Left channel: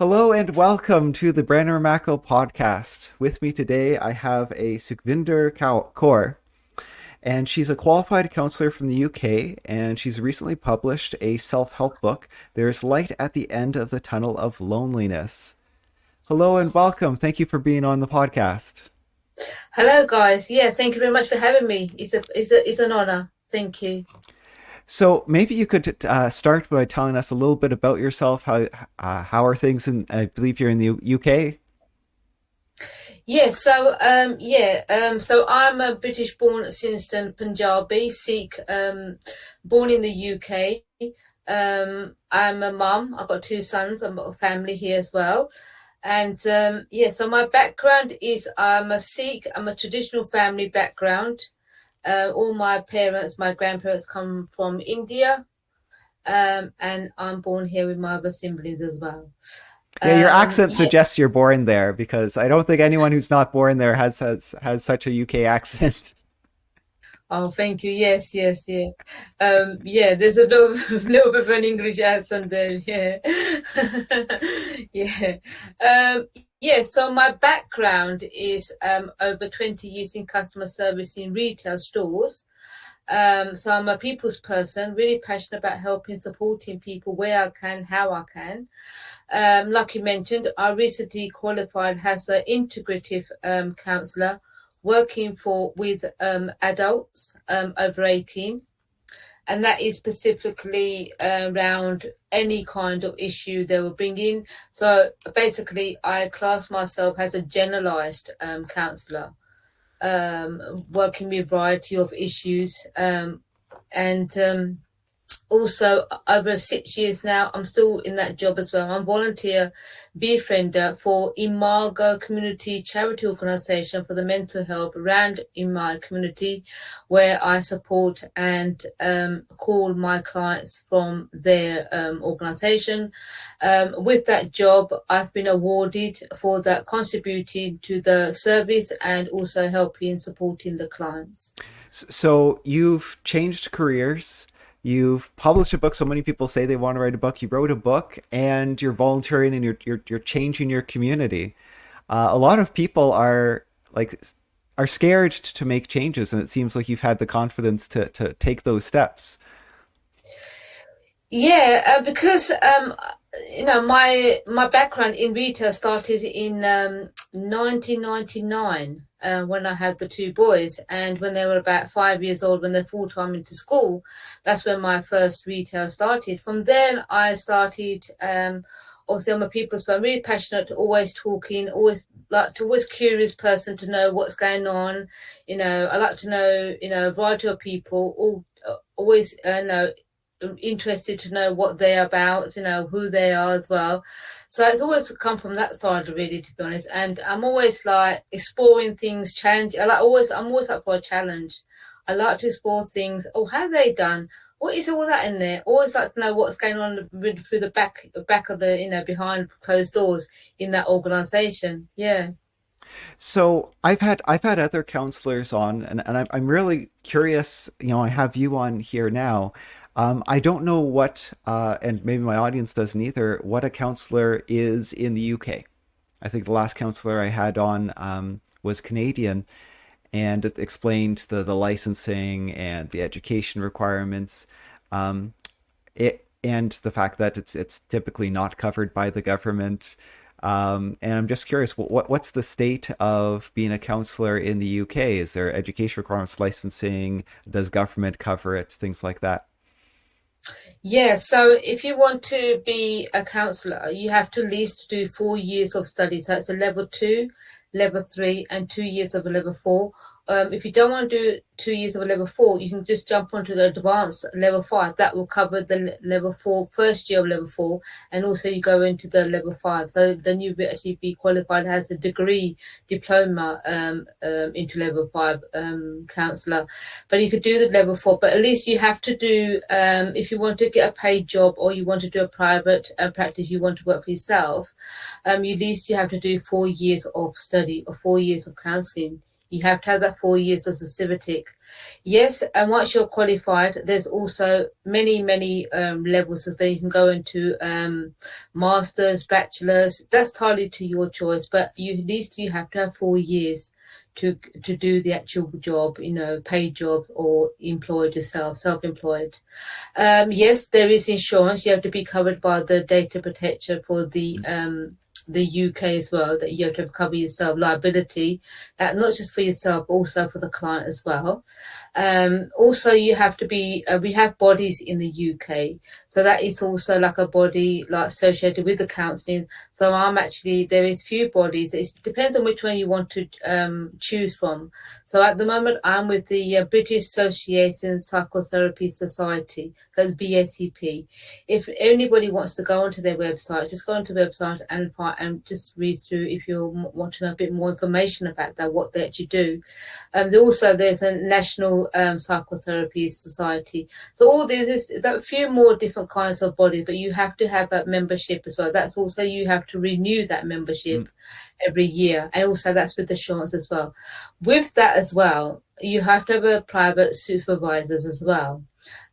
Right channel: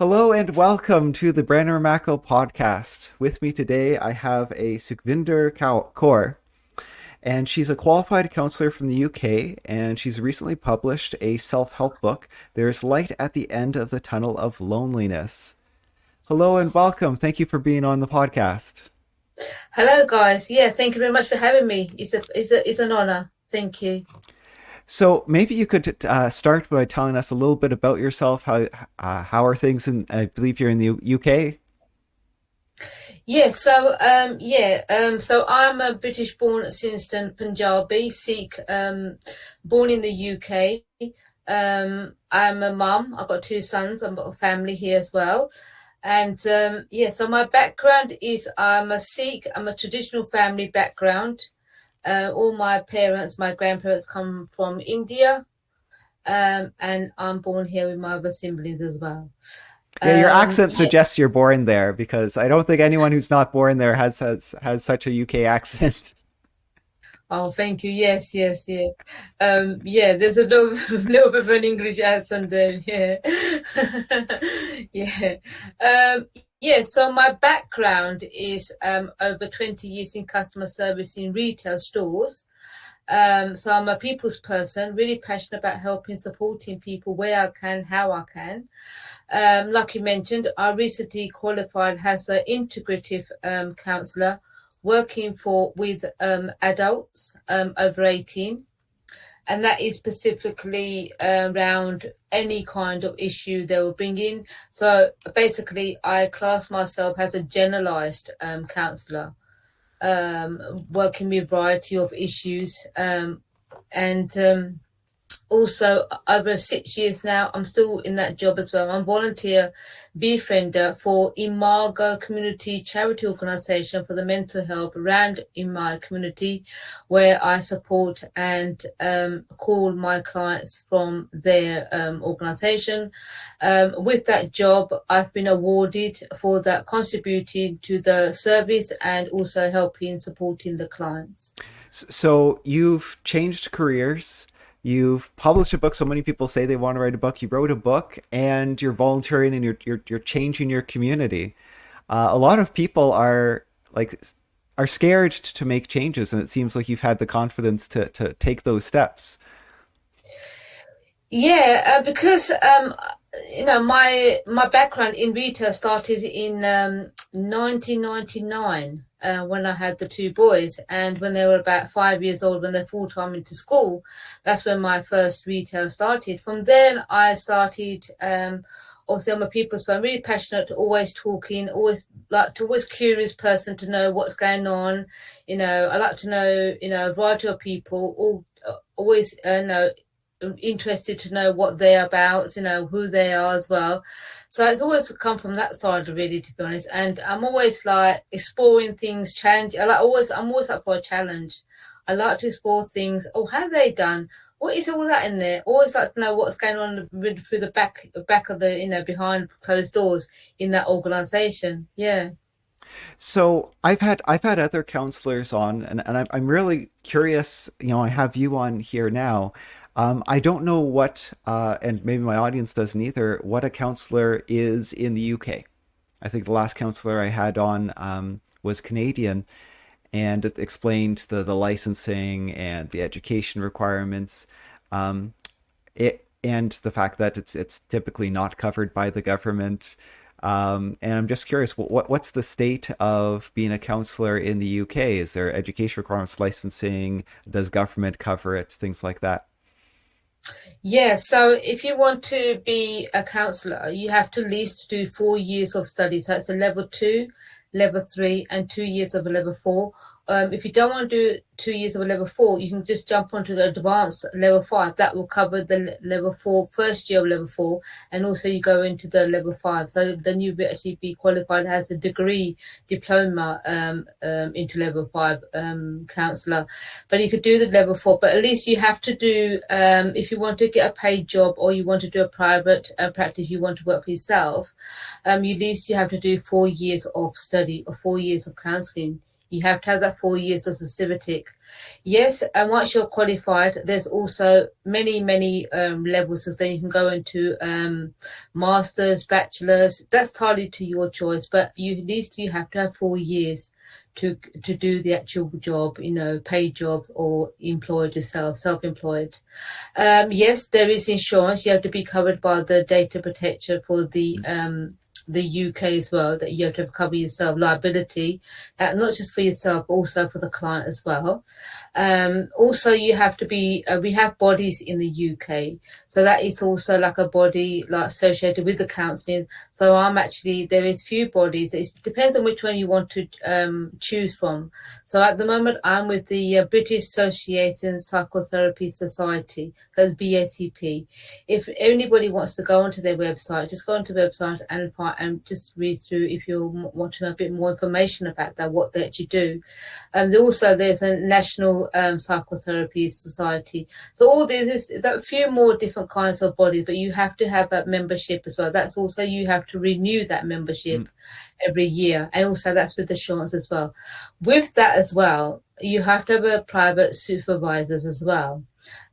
Hello and welcome to the Branner Mako podcast. With me today, I have a Sukhvinder Kaur, and she's a qualified counselor from the UK, and she's recently published a self-help book, There's Light at the End of the Tunnel of Loneliness. Hello and welcome. Thank you for being on the podcast. Hello, guys. Yeah, thank you very much for having me. It's an honor. Thank you. So maybe you could start by telling us a little bit about yourself. How are things in? I believe you're in the UK. So I'm a British-born Simpson Punjabi Sikh, born in the UK. I'm a mum. I've got two sons. I've got a family here as well. So my background is I'm a Sikh. I'm a traditional family background. All my parents, my grandparents come from India, and I'm born here with my other siblings as well. Yeah, your Um, accent yeah, suggests you're born there because I don't think anyone who's not born there has such a UK accent. oh, thank you. Yes, yes, yeah. Yeah, there's a little, little bit of an English accent there. Yeah. Yeah. Um, yeah, so my background is over 20 years in customer service in retail stores. So I'm a people's person, really passionate about helping, supporting people where I can, how I can. Like you mentioned, I recently qualified as an integrative counsellor working with adults over 18. And that is specifically around any kind of issue they will bring in. So basically, I class myself as a generalized counsellor, working with a variety of issues. And Also, over 6 years now, I'm still in that job as well. I'm volunteer befriender for Imago Community Charity Organisation for the mental health around in my community, where I support and call my clients from their organisation. With that job, I've been awarded for that contributing to the service and also helping supporting the clients. So you've changed careers. You've published a book. So many people say they want to write a book. You wrote a book, and you're volunteering, and you're changing your community. A lot of people are scared to make changes, and it seems like you've had the confidence to take those steps. Yeah, because my background in retail started in 1999 when I had the two boys, and when they were about 5 years old, when they're full time into school, that's when my first retail started. From then, I started. Obviously, I'm a people's person, really passionate, always talking, always curious person to know what's going on. I like to know, a variety of people, always know interested to know what they're about, who they are as well. So it's always come from that side, really, to be honest. And I'm always like exploring things, challenge. I'm always up for a challenge. I like to explore things. Oh, how have they done? What is all that in there? Always like to know what's going on through the back of the, behind closed doors in that organization. Yeah. So I've had other counselors on, and I'm really curious. I have you on here now. I don't know and maybe my audience doesn't either, what a counselor is in the UK. I think the last counselor I had on was Canadian, and it explained the licensing and the education requirements. Um, and the fact that it's typically not covered by the government. And I'm just curious, what's the state of being a counselor in the UK? Is there education requirements, licensing? Does government cover it? Things like that. Yeah, so if you want to be a counselor, you have to at least do 4 years of study. So it's a level two, level three, and 2 years of a level four. If you don't want to do 2 years of a level four, you can just jump onto the advanced level five. That will cover the level four, first year of level four, and also you go into the level five. So then you will actually be qualified as a degree diploma into level five counselor. But you could do the level four, but at least you have to do, if you want to get a paid job or you want to do a private practice, you want to work for yourself, at least you have to do 4 years of study or 4 years of counseling. You have to have that 4 years as a civic. Yes, and once you're qualified, there's also many levels that you can go into, masters, bachelors. That's entirely to your choice, but you at least you have to have 4 years to do the actual job, paid jobs or employed yourself, self-employed. Yes, there is insurance. You have to be covered by the data protection for the UK as well, that you have to cover yourself liability, that not just for yourself, but also for the client as well. Also, you have to be. We have bodies in the UK, so that is also like a body like associated with the counselling. So I'm actually there is few bodies. It depends on which one you want to choose from. So at the moment, I'm with the British Association Psychotherapy Society, so the BACP. If anybody wants to go onto their website, just go onto the website and just read through if you want to know a bit more information about that, what they actually do. There's a National Psychotherapy Society. So all these is a few more different kinds of bodies, but you have to have a membership as well. That's also you have to renew that membership every year, and also that's with insurance as well. With that as well, you have to have a private supervisors as well.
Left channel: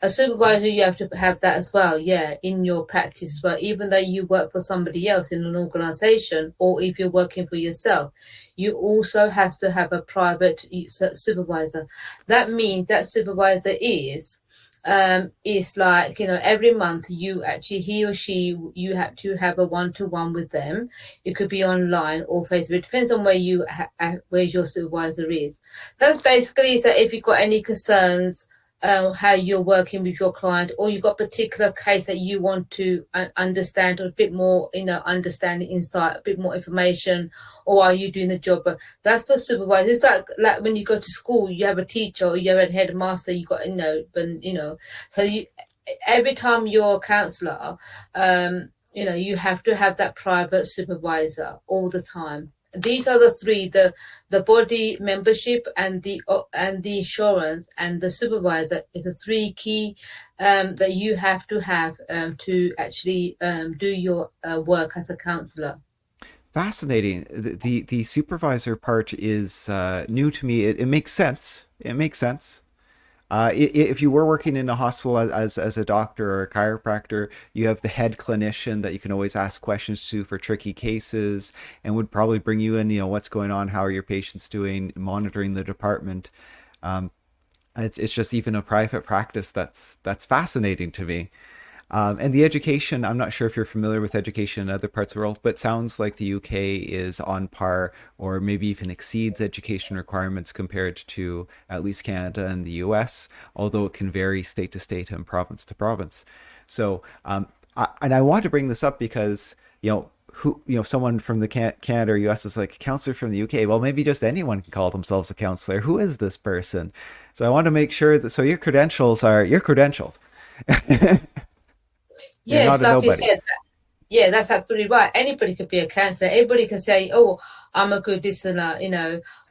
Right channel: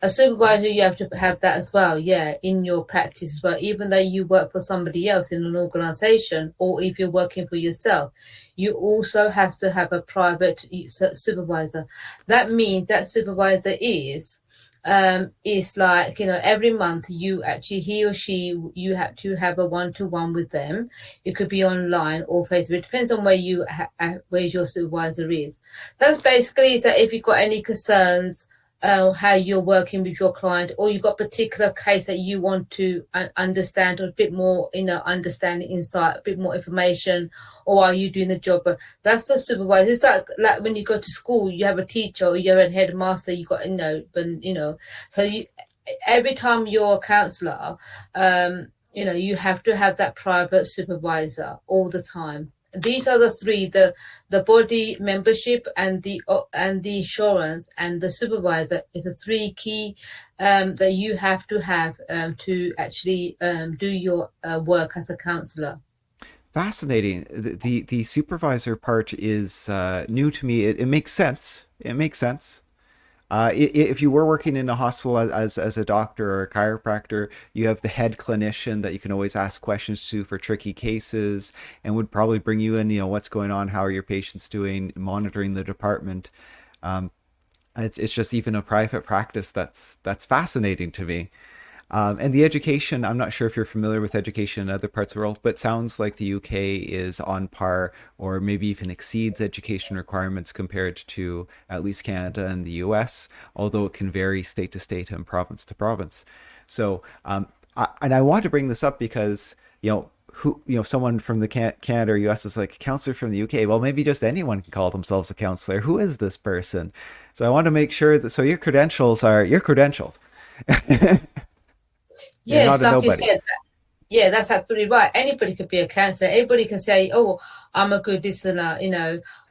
A supervisor, you have to have that as well, yeah, in your practice as well. Even though you work for somebody else in an organization, or if you're working for yourself, you also have to have a private supervisor. That means that supervisor is like, every month he or she, you have to have a one-to-one with them. It could be online or Facebook. It depends on where your supervisor is. That's basically that if you've got any concerns, how you're working with your client, or you've got a particular case that you want to understand, or a bit more, understanding, insight, a bit more information, or are you doing the job? But that's the supervisor. It's like when you go to school, you have a teacher or you have a headmaster, you got, so every time you're a counsellor, you have to have that private supervisor all the time. These are the three: the body membership and the insurance and the supervisor is the three key that you have to actually do your work as a counsellor. Fascinating. The supervisor part is new to me. It makes sense. It makes sense. If you were working in a hospital as a doctor or a chiropractor, you have the head clinician that you can always ask questions to for tricky cases, and would probably bring you in, what's going on, how are your patients doing, monitoring the department. Um, it's just even a private practice that's fascinating to me. And the education, I'm not sure if you're familiar with education in other parts of the world, but sounds like the UK is on par or maybe even exceeds education requirements compared to at least Canada and the US, although it can vary state to state and province to province. So, and I want to bring this up because, someone from the Canada or US is like, counselor from the UK. Well, maybe just anyone can call themselves a counselor. Who is this person? So I want to make sure that, so you're credentialed. You're Yes, not a like you nobody. said, yeah, that's absolutely right. Anybody could be a counselor. Everybody can say, "Oh, I'm a good listener."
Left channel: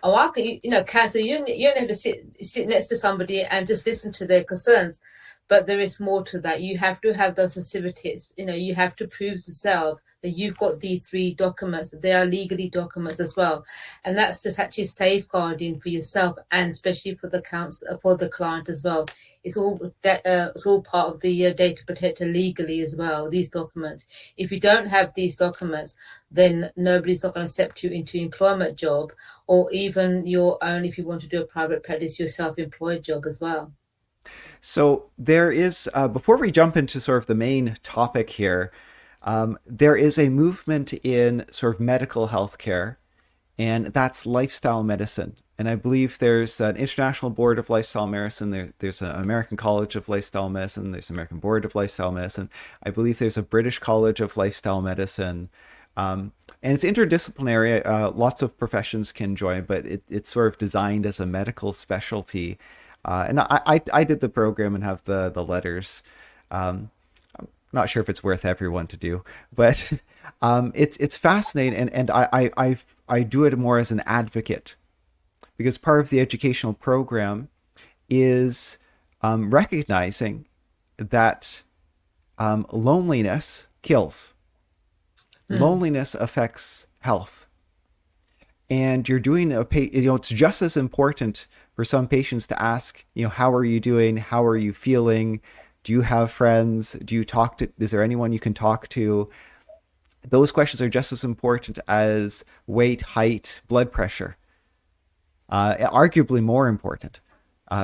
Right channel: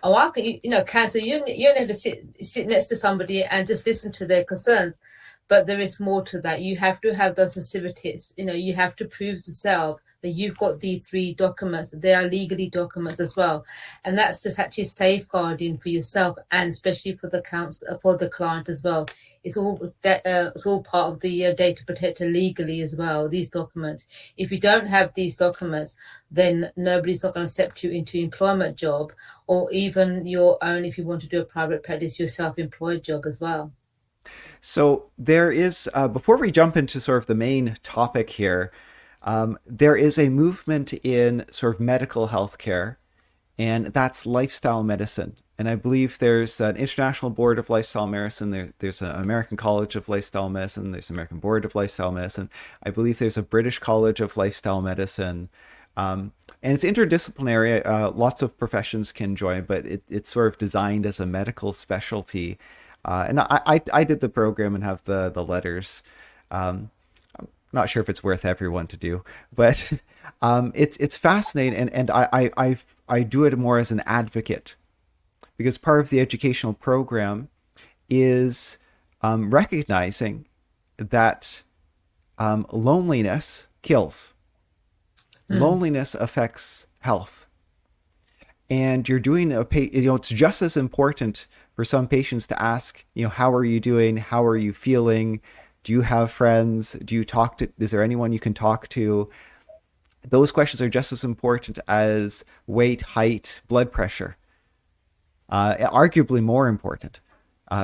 Oh, I could, counselor. You don't have to sit next to somebody and just listen to their concerns. But there is more to that. You have to have those certificates. You have to prove yourself that you've got these three documents. They are legally documents as well, and that's just actually safeguarding for yourself and especially for the client as well. It's all part of the data protector legally as well. These documents. If you don't have these documents, then nobody's not going to accept you into employment job, or even your own if you want to do a private practice, your self-employed job as well. So there is, before we jump into sort of the main topic here, there is a movement in sort of medical healthcare, and that's lifestyle medicine. And I believe there's an International Board of Lifestyle Medicine. There's an American College of Lifestyle Medicine. There's an American Board of Lifestyle Medicine. I believe there's a British College of Lifestyle Medicine. And it's interdisciplinary. Lots of professions can join, but it's sort of designed as a medical specialty. And I did the program and have the letters. Not sure if it's worth everyone to do, but it's fascinating, and I do it more as an advocate because part of the educational program is recognizing that loneliness kills. Loneliness affects health, and you're doing it's just as important for some patients to ask, how are you doing? How are you feeling? Do you have friends? Is there anyone you can talk to? Those questions are just as important as weight, height, blood pressure, arguably more important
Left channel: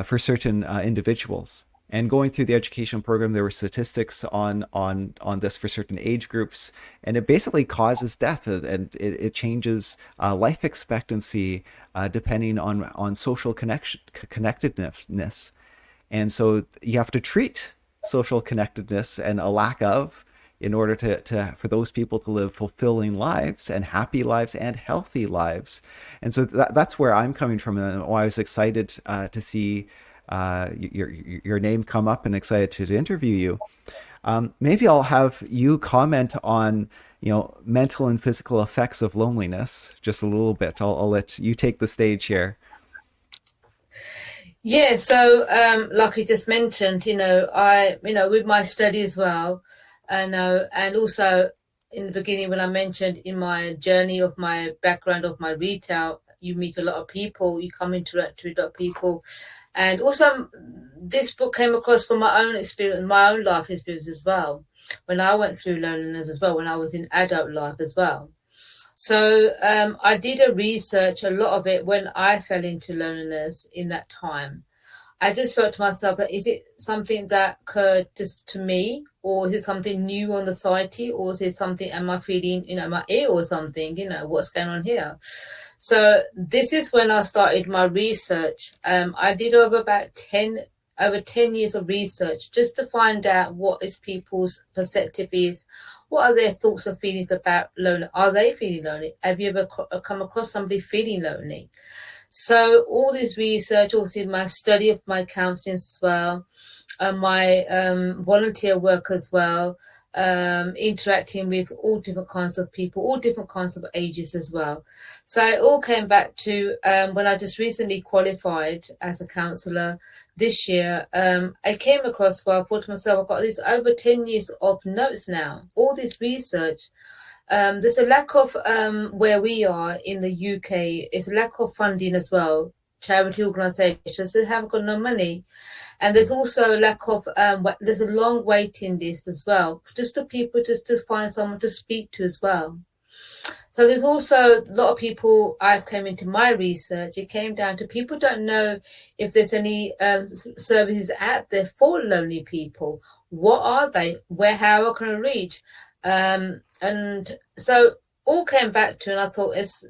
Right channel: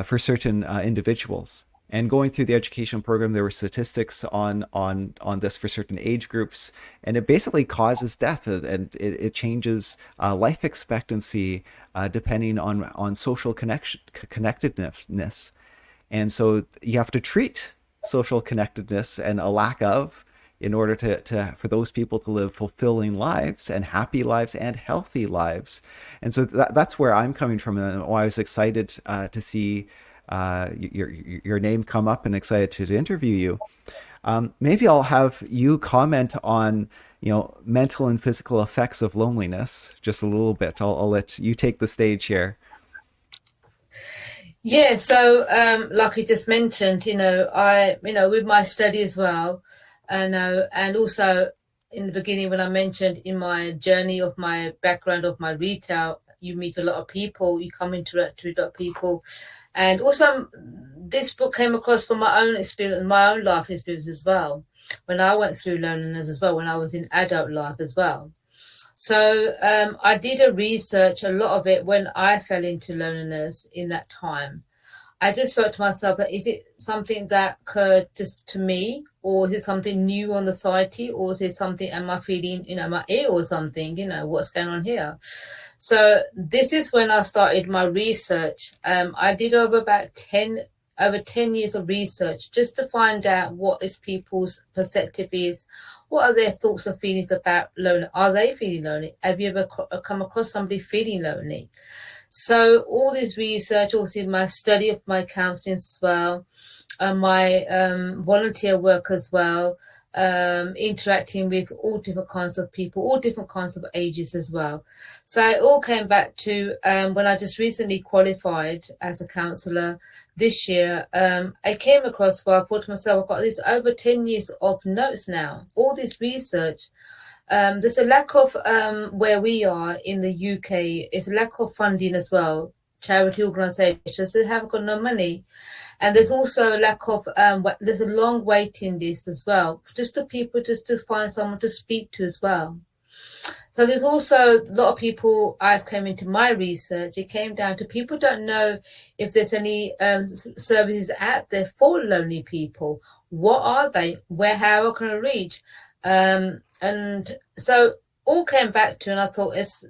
for certain individuals. And going through the education program, there were statistics on this for certain age groups, and it basically causes death, and it changes life expectancy depending on social connectedness. And so you have to treat social connectedness and a lack of in order to for those people to live fulfilling lives and happy lives and healthy lives. And so that's where I'm coming from, and why I was excited to see your name come up and excited to interview you. Maybe I'll have you comment on mental and physical effects of loneliness just a little bit. I'll let you take the stage here. Yeah, so like you just mentioned, I with my study as well, and also in the beginning when I mentioned in my journey of my background of my retail, you meet a lot of people, you come interact with a lot of people, and also this book came across from my own experience, my own life experience as well, when I went through loneliness as well, when I was in adult life as well. So I did a research, a lot of it, when I fell into loneliness in that time. I just felt to myself that is it something that occurred just to me, or is it something new on the society, or is it something, am I feeling, my ill or something, what's going on here? So this is when I started my research. I did over 10 years of research just to find out what is people's perspective is. What are their thoughts and feelings about lonely? Are they feeling lonely? Have you ever come across somebody feeling lonely? So all this research, also my study of my counselling as well, my volunteer work as well, interacting with all different kinds of people, all different kinds of ages as well. So it all came back to when I just recently qualified as a counsellor this year. I came across, I thought to myself, I've got this over 10 years of notes now, all this research. There's a lack of where we are in the UK. It's a lack of funding as well. Charity organisations, they haven't got no money, and there's also a lack of there's a long waiting list as well, just to people just to find someone to speak to as well. So there's also a lot of people. I've come into my research. It came down to people don't know if there's any services out there for lonely people. What are they? How can I reach? And so all came back to, and I thought it's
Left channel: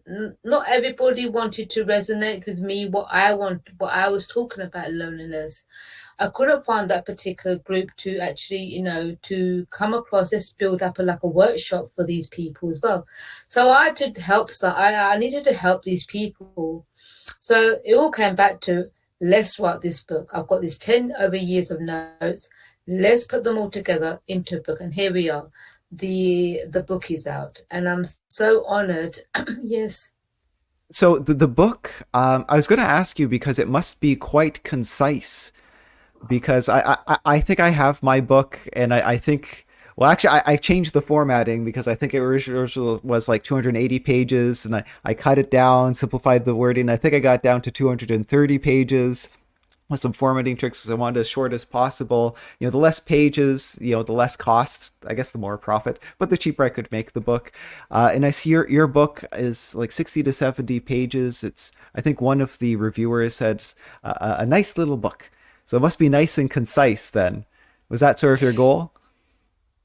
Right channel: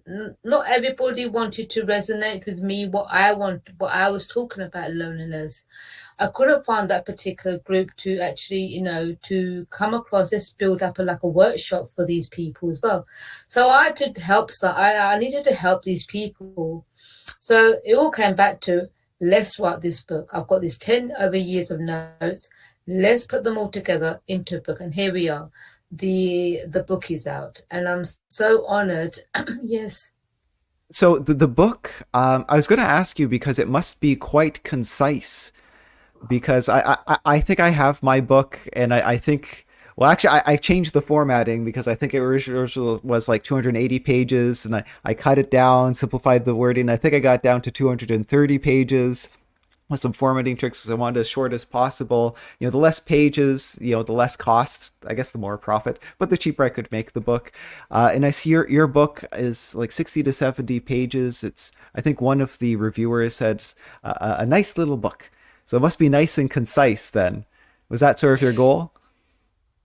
not everybody wanted to resonate with me, what I was talking about loneliness. I couldn't find that particular group to actually, to come across, just build up like a workshop for these people as well. So I had to help, I needed to help these people. So it all came back to, let's write this book. I've got these 10 over years of notes. Let's put them all together into a book. And here we are. The book is out, and I'm so honored. Yes. So the book, I was going to ask you because it must be quite concise. Because I think I have my book, and I think, well, actually I changed the formatting because I think it originally was like 280 pages, and I cut it down, simplified the wording. I think I got down to 230 pages with some formatting tricks because I wanted as short as possible. The less pages, the less cost, I guess the more profit, but the cheaper I could make the book. And I see your book is like 60 to 70 pages. It's, I think one of the reviewers said a nice little book. So it must be nice and concise then. Was that sort of your goal?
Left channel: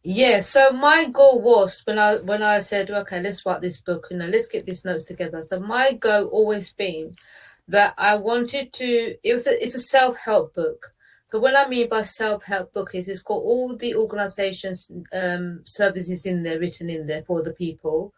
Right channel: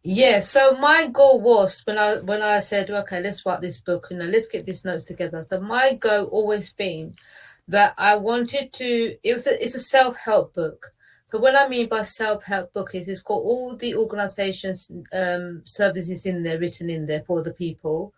Yeah, so my goal was when I said, okay, let's write this book, let's get these notes together. So my goal always been that I wanted to, it's a self-help book. So what I mean by self-help book is it's got all the organizations, services in there, written in there for the people.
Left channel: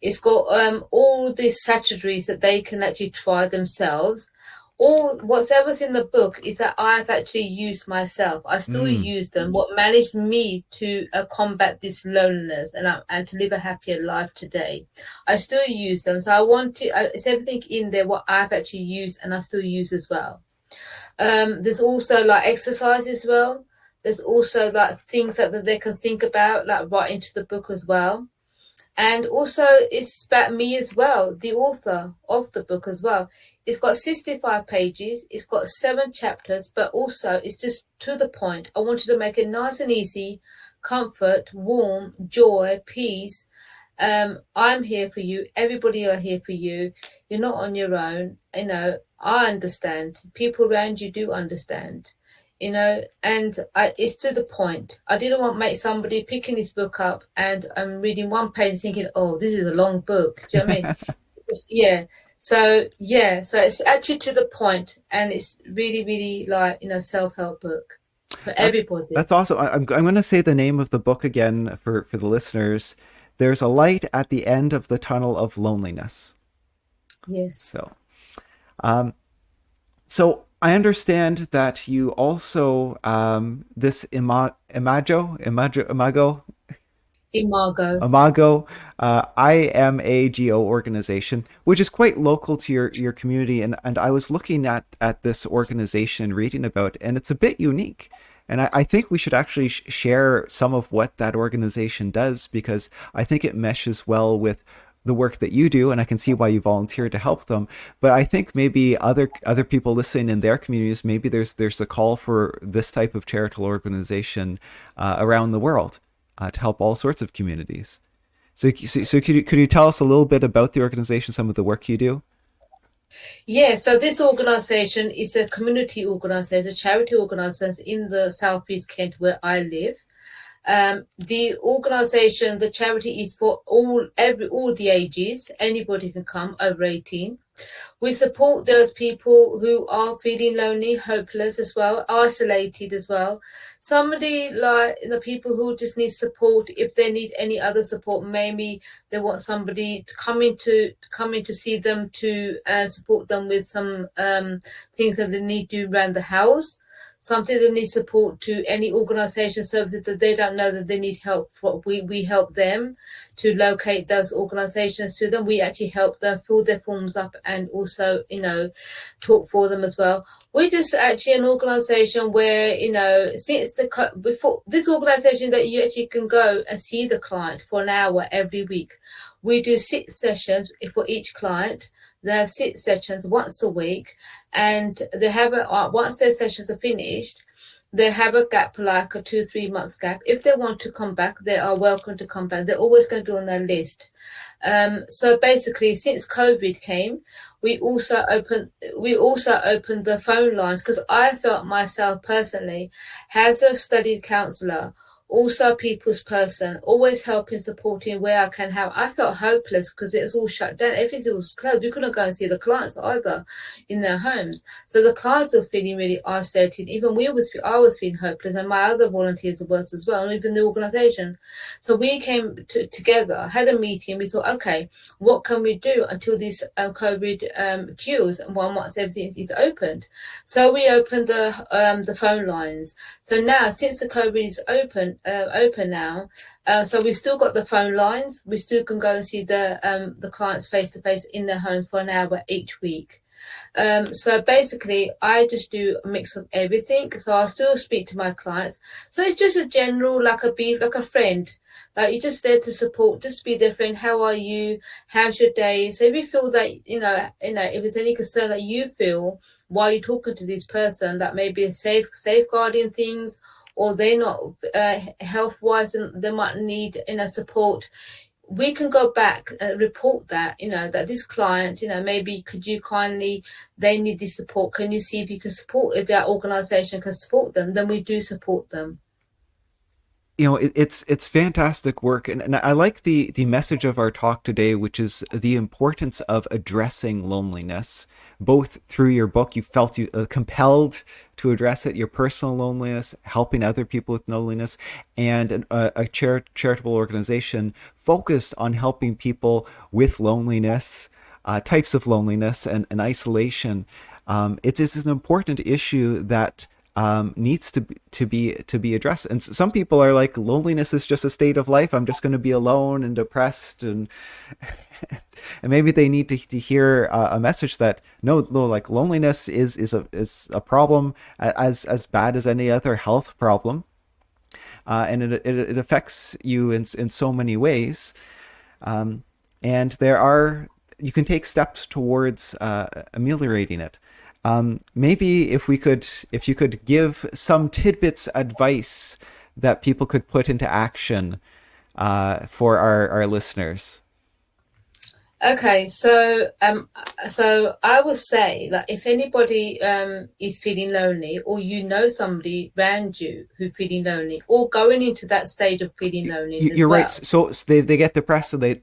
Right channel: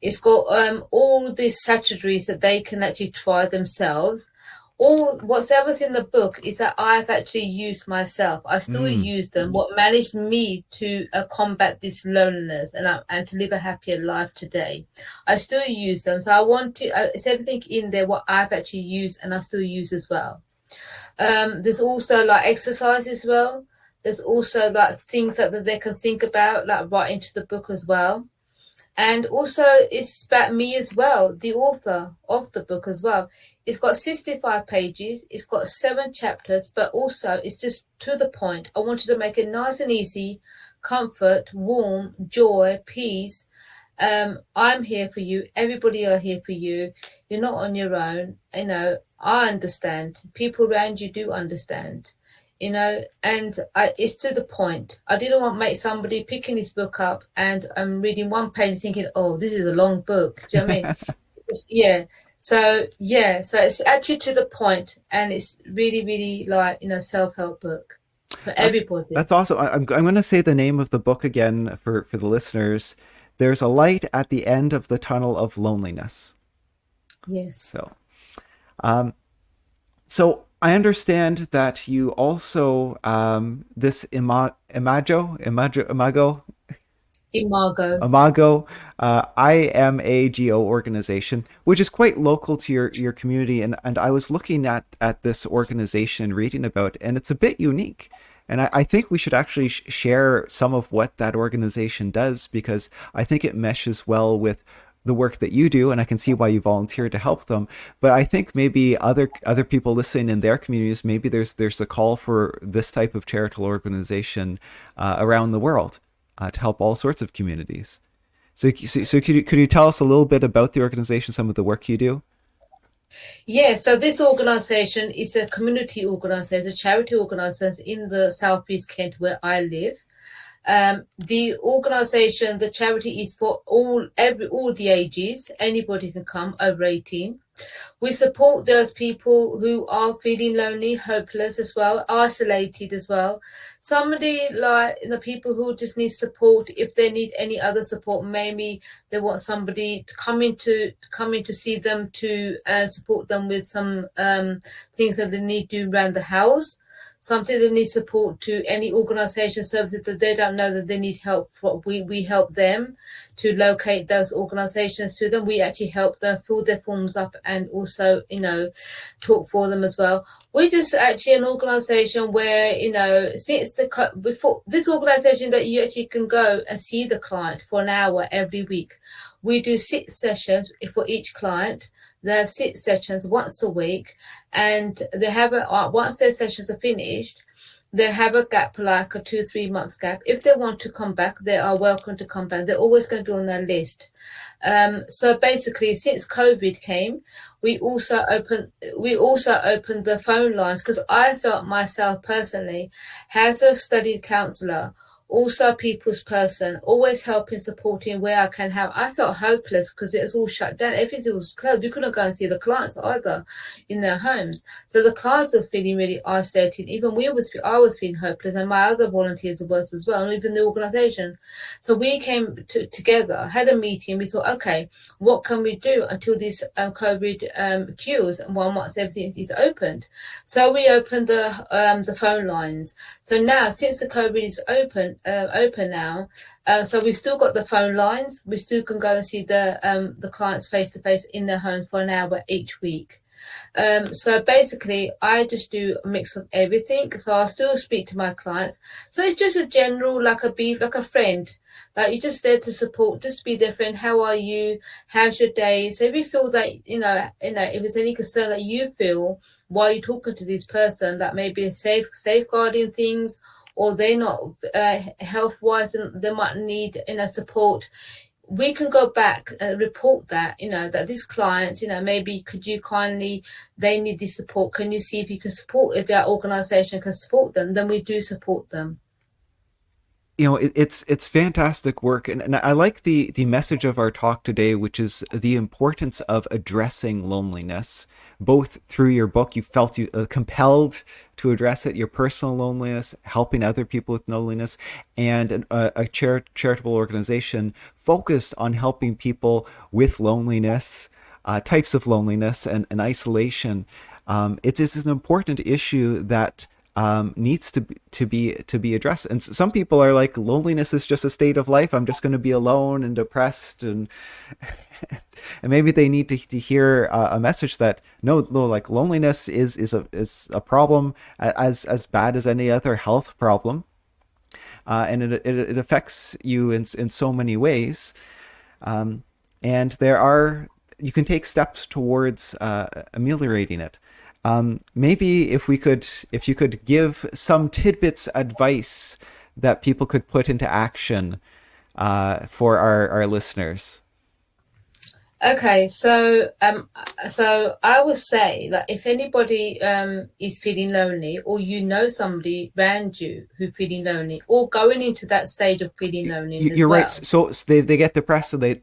It's got all the strategies that they can actually try themselves. All whatever's in the book is that I've actually used myself. I still use them. What managed me to combat this loneliness and to live a happier life today, I still use them. So I want to. It's everything in there what I've actually used and I still use as well. There's also like exercise as well. There's also like things that they can think about, like right into the book as well. And also, it's about me as well, the author of the book as well. It's got 65 pages, it's got 7 chapters, but also it's just to the point. I wanted to make it nice and easy, comfort, warm, joy, peace. I'm here for you. Everybody are here for you. You're not on your own. I understand. People around you do understand. And it's to the point. I didn't want to make somebody picking this book up and I'm reading one page thinking, oh, this is a long book. Do you know what I mean? Yeah. So it's actually to the point, and it's really, really like, self-help book for That, everybody. that's awesome. I'm going to say the name of the book again for the listeners. There's a light at the end of the tunnel of loneliness. Yes. So, um, so I understand that you also this Imago. Imago IMAGO organization, which is quite local to your community, and I was looking at this organization, reading about it, and it's a bit unique. And I think we should actually share some of what that organization does, because I think it meshes well with the work that you do, and I can see why you volunteered to help them. But I think maybe other people listening in their communities, maybe there's a call for this type of charitable organization around the world to help all sorts of communities. So could you tell us a little bit about the organization, some of the work you do? Yeah, so this organization is a community organization, a charity organization in the Southeast Kent where I live. The organization, the charity is for all the ages. Anybody can come over 18. We support those people who are feeling lonely, hopeless as well, isolated as well. Somebody like the people who just need support. If they need any other support, maybe they want somebody to come in to see them, to support them with some things that they need to do around the house. Something that needs support to any organisation services that they don't know that they need help for. We help them to locate those organisations to them. We actually help them fill their forms up and also, talk for them as well. We're just actually an organisation where, before this organisation that you actually can go and see the client for an hour every week. We do 6 sessions for each client. They have 6 sessions once a week, and they have once their sessions are finished, they have a gap, like a 2-3 months gap. If they want to come back, they are welcome to come back. They're always going to be on their list. So basically, since COVID came, we also opened the phone lines, because I felt myself personally, as a studied counsellor, also a people's person, always helping, supporting where I can help. I felt hopeless because it was all shut down. Everything was closed. We couldn't go and see the clients either in their homes. So the clients was feeling really isolated. Even I was feeling hopeless, and my other volunteers was as well, and even the organisation. So we came together, had a meeting. We thought, okay, what can we do until this COVID cures, and once everything is opened? So we opened the phone lines. So now, since the COVID is open now, so we've still got the phone lines. We still can go and see the clients face to face in their homes for an hour each week. So basically, I just do a mix of everything. So I still speak to my clients. So it's just a general, like a friend. Like, you're just there to support, just be their friend. How are you? How's your day? So if you feel that, if there's any concern that you feel while you're talking to this person, that may be safeguarding things, or they're not health-wise and they might need support, we can go back and report that, that this client, maybe they need this support. Can you see if you can support, if our organisation can support them? Then we do support them. It's fantastic work, and I like the message of our talk today, which is the importance of addressing loneliness. Both through your book, you felt compelled to address it, your personal loneliness, helping other people with loneliness, and a charitable organization focused on helping people with loneliness, types of loneliness, and isolation. It is an important issue that needs to be addressed. And some people are like, loneliness is just a state of life. I'm just going to be alone and depressed, and and maybe they need to hear a message that no, like loneliness is a problem as bad as any other health problem, and it affects you in so many ways. And there are you can take steps towards ameliorating it. Maybe if you could give some tidbits advice that people could put into action for our listeners. Okay, so I would say that if anybody is feeling lonely, or you know somebody around you who's feeling lonely, or going into that stage of feeling lonely as You're right. well. So they get depressed, so they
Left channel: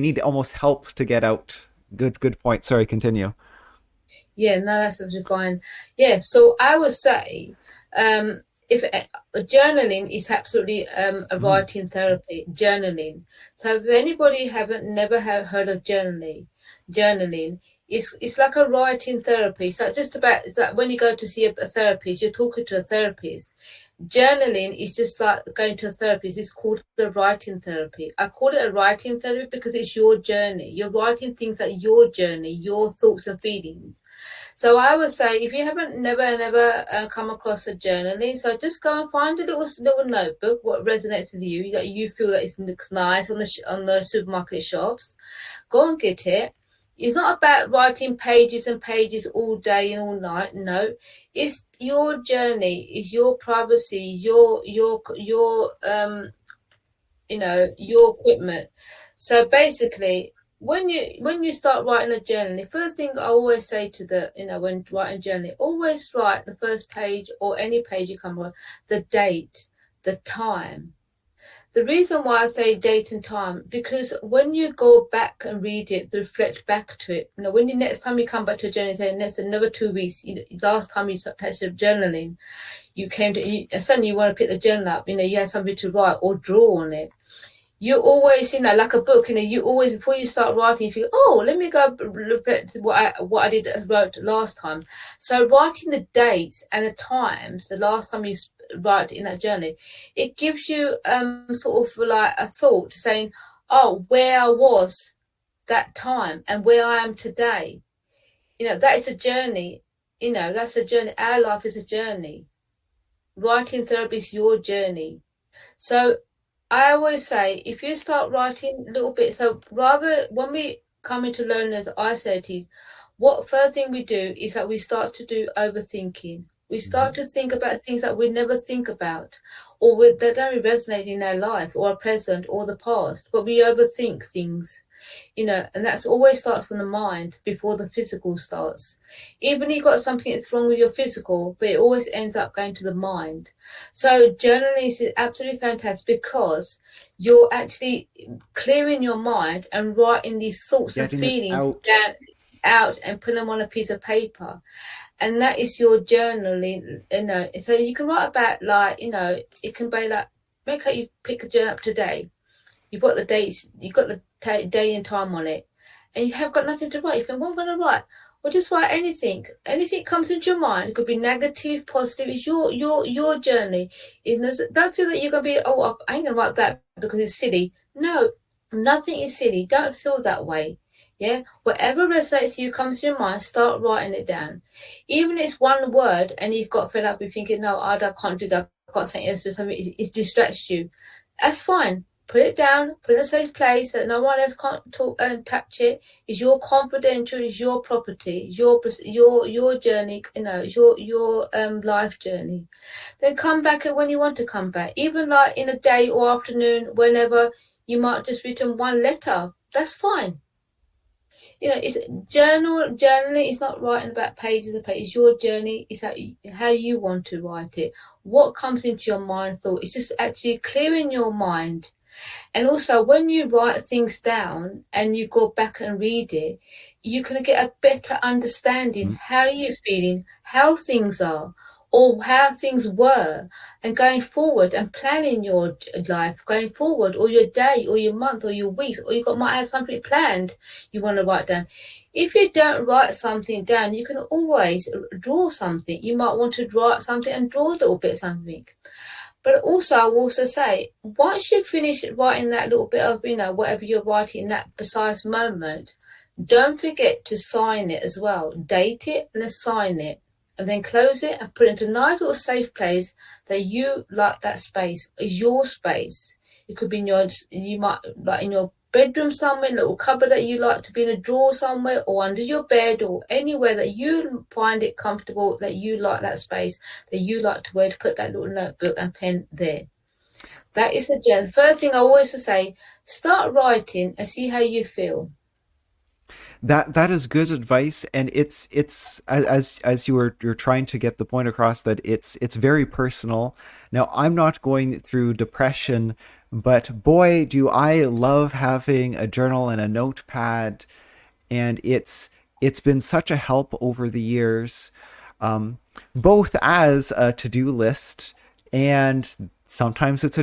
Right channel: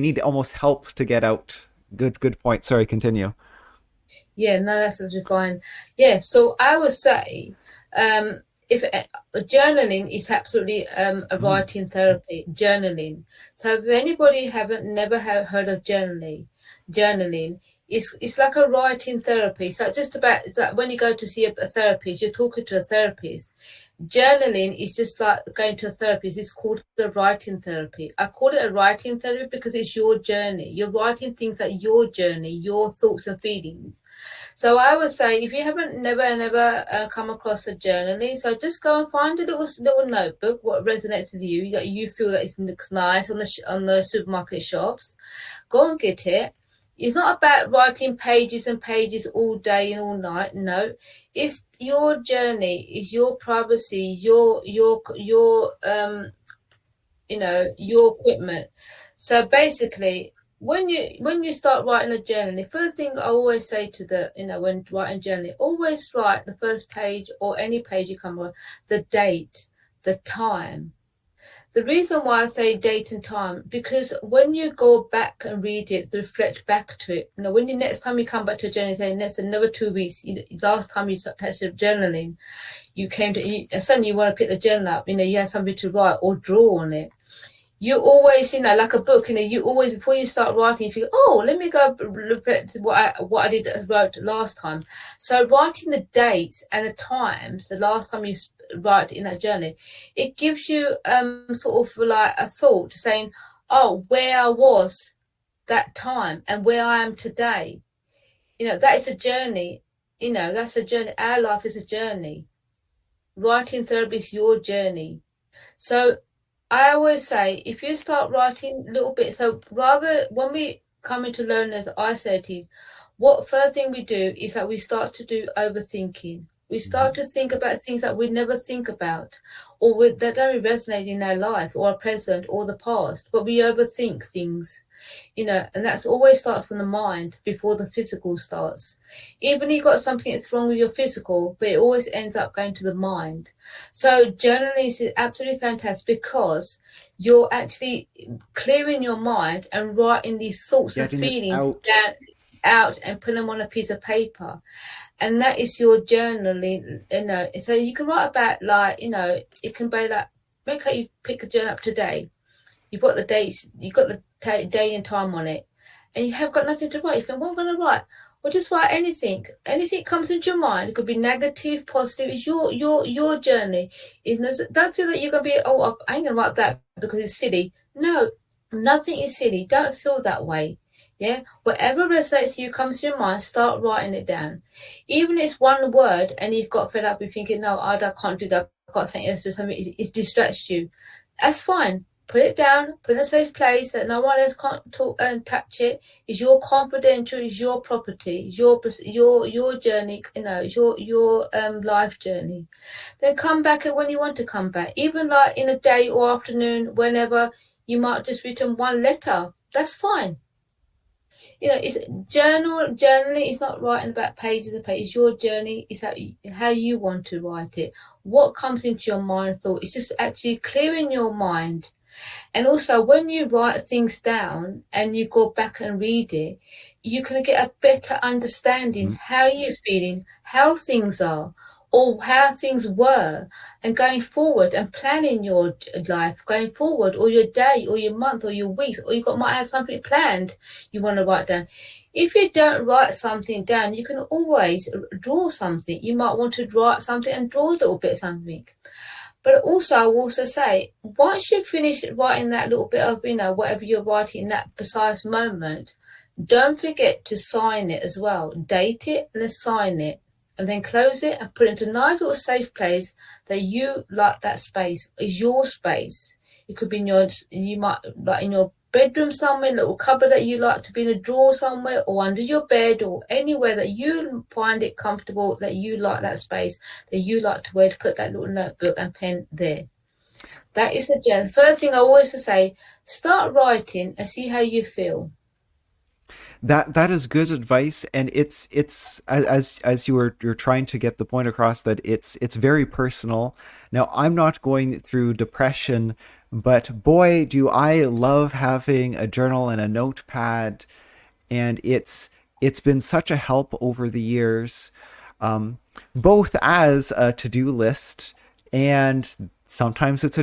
need almost help to get out. Good point. Sorry, continue. Yeah, no, that's absolutely fine. Yeah, so I would say, if journaling is absolutely a Mm. writing therapy, journaling. So if anybody haven't never heard of journaling, it's like a writing therapy. So just about it's like when you go to see a therapist, you're talking to a therapist. Journaling is just like going to a therapist. It's called a writing therapy. I call it a writing therapy because it's your journey. You're writing things like your journey, your thoughts and feelings. So I would say if you haven't never come across a journaling, so just go and find a little notebook what resonates with you that you feel that it looks nice on the supermarket shops. Go and get it. It's not about writing pages and pages all day and all night. No, it's your journey. It's your privacy. Your equipment. So basically, when you start writing a journal, the first thing I always say to when writing journal, always write the first page or any page you come on, the date, the time. The reason why I say date and time, because when you go back and read it, reflect back to it, when you next time you come back to a journal, say next another 2 weeks, last time you touched journaling, and suddenly you want to pick the journal up, you have something to write or draw on it. You always, like a book, you always, before you start writing, you think, oh, let me go reflect what I wrote last time. So writing the dates and the times, the last time you write in that journey, it gives you sort of like a thought saying, oh, where I was that time and where I am today. That is a journey. That's a journey. Our life is a journey. Writing therapy is your journey. So I always say, if you start writing little bits, so rather when we come into loneliness, isolated, what first thing we do is that we start to do overthinking. We start to think about things that we never think about, or that don't resonate in our lives, or our present, or the past. But we overthink things, and that's always starts from the mind before the physical starts. Even if you've got something that's wrong with your physical, but it always ends up going to the mind. So journaling is absolutely fantastic because you're actually clearing your mind and writing these thoughts and Getting it feelings out. down out and put them on a piece of paper, and that is your journaling. So you can write about it can be like, make sure you pick a journal up today. You've got the dates, you've got the day and time on it, and you have got nothing to write. You think, what am I going to write? Well, just write anything. Anything comes into your mind. It could be negative, positive. It's your journey. Don't feel that you're going to be, oh, I ain't going to write that because it's silly. No, nothing is silly. Don't feel that way. Yeah, whatever resonates you comes to your mind, start writing it down. Even if it's one word and you've got fed up, you're thinking, no, I can't do that. I've got something else to do something. It distracts you. That's fine. Put it down, put it in a safe place that no one else can't talk and touch it. It's your confidential, it's your property, it's your journey, it's your life journey. Then come back when you want to come back. Even like in a day or afternoon, whenever you might just written one letter. That's fine. It's journaling is not writing about pages and pages. It's your journey. It's how you want to write it. What comes into your mind thought. It's just actually clearing your mind. And also, when you write things down and you go back and read it, you can get a better understanding how you're feeling, how things are, or how things were, and going forward and planning your life going forward, or your day, or your month, or your weeks, or might have something planned you want to write down. If you don't write something down, you can always draw something. You might want to write something and draw a little bit of something. But also, I will also say, once you finish writing that little bit of, whatever you're writing in that precise moment, don't forget to sign it as well. Date it and then sign it. And then close it and put it into a nice little safe place that you like. That space is your space. It could be in your bedroom somewhere, a little cupboard that you like to be in a drawer somewhere, or under your bed, or anywhere that you find it comfortable, that you like that space, that you like to wear, to put that little notebook and pen there. That is the first thing I always say. Start writing and see how you feel. That is good advice, and it's as you're trying to get the point across that it's very personal. Now, I'm not going through depression, but boy, do I love having a journal and a notepad, and it's been such a help over the years, um, both as a to-do list, and sometimes it's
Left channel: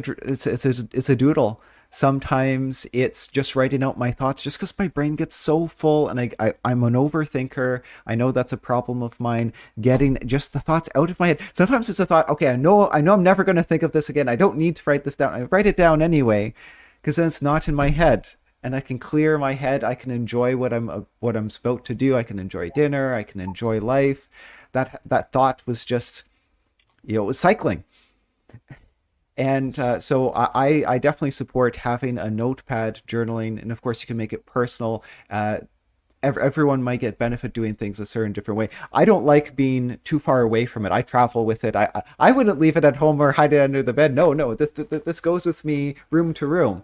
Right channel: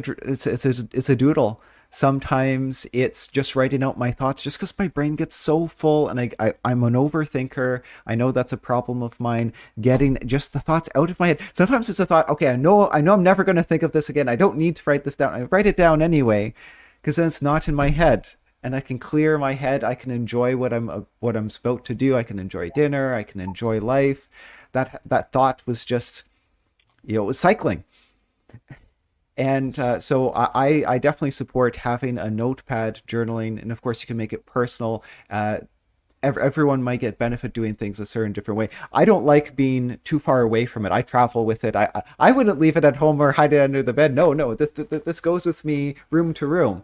a doodle. Sometimes it's just writing out my thoughts just because my brain gets so full, and I'm an overthinker. I know that's a problem of mine, getting just the thoughts out of my head. Sometimes it's a thought, okay, I know I'm never going to think of this again. I don't need to write this down. I write it down anyway because then it's not in my head, and I can clear my head. I can enjoy what I'm about to do. I can enjoy dinner. I can enjoy life. That thought was just, it was cycling. And so I definitely support having a notepad journaling, and of course you can make it personal. Everyone might get benefit doing things a certain different way. I don't like being too far away from it. I travel with it. I wouldn't leave it at home or hide it under the bed. No, no, this goes with me room to room.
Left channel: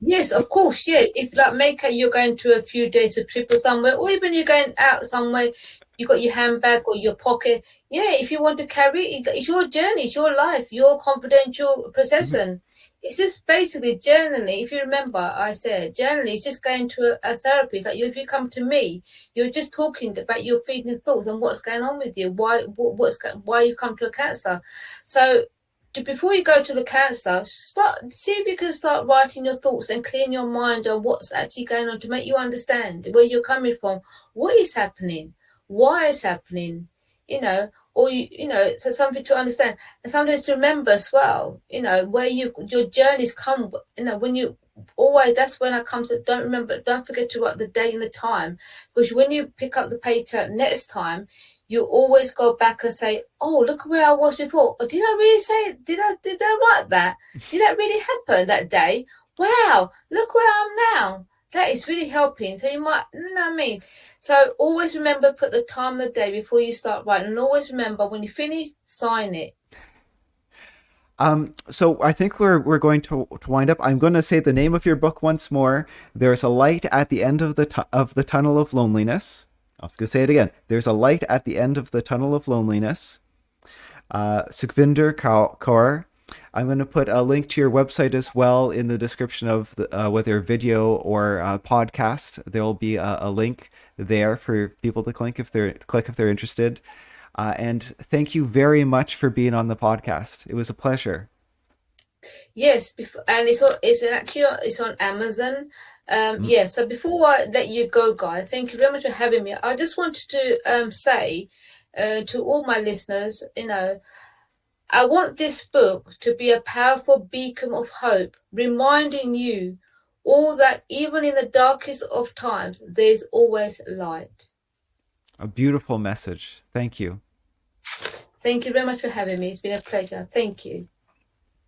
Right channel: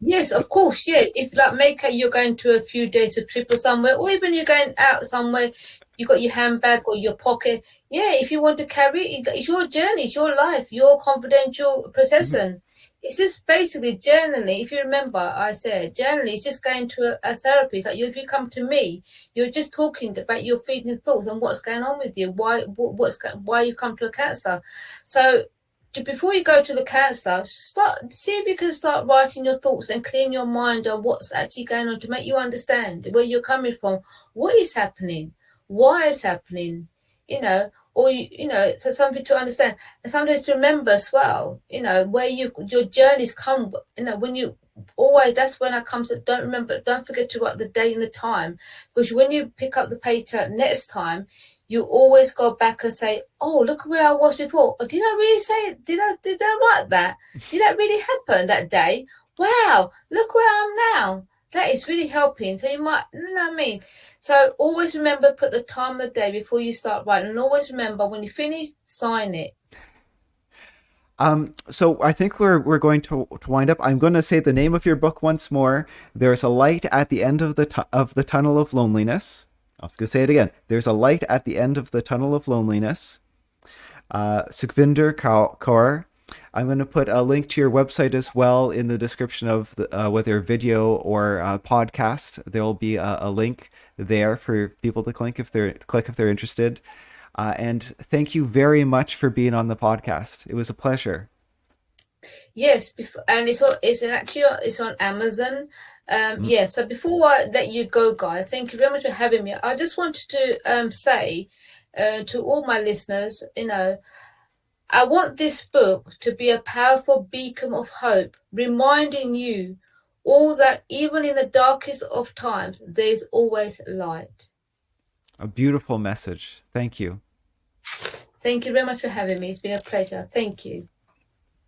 Yes, of course. Yeah, if like make a, you're going to a few days a trip or somewhere, or even you're going out somewhere, you got your handbag or your pocket. Yeah, if you want to carry it, it's your journey, it's your life, your confidential possession. It's just basically journaling. If you remember, I said journaling is just going to a therapist. Like if you come to me, you're just talking about your feelings, thoughts, and what's going on with you. Why you come to a counselor. So before you go to the counselor, start see if you can start writing your thoughts and clearing your mind on what's actually going on to make you understand where you're coming from, what is happening, why it's happening, or so something to understand and sometimes to remember as well, where your journeys come, when you always that's when it comes to don't forget to write the date and the time, because when you pick up the paper next time you always go back and say, "Oh, look where I was before. Oh, did I really say? Did I write that? Did that really happen that day? Wow, look where I am now." That is really helping. So you might, you know what I mean. So always remember, put the time of the day before you start writing, and always remember when you finish, sign it. So I think we're going to wind up. I'm going to say the name of your book once more. There's a light at the end of the tunnel of loneliness. I'm going to say it again. There's a light at the end of the tunnel of loneliness. Sukhvinder Kaur. I'm going to put a link to your website as well in the description of whether video or podcast. There will be a link there for people to click if they're interested. And thank you very much for being on the podcast. It was a pleasure. Yes, and it's on Amazon. Mm. Yeah. So before I let you go, guys, thank you very much for having me. I just wanted to say to all my listeners, I want this book to be a powerful beacon of hope, reminding you all that even in the darkest of times, there's always light. A beautiful message. Thank you. Thank you very much for having me. It's been a pleasure. Thank you.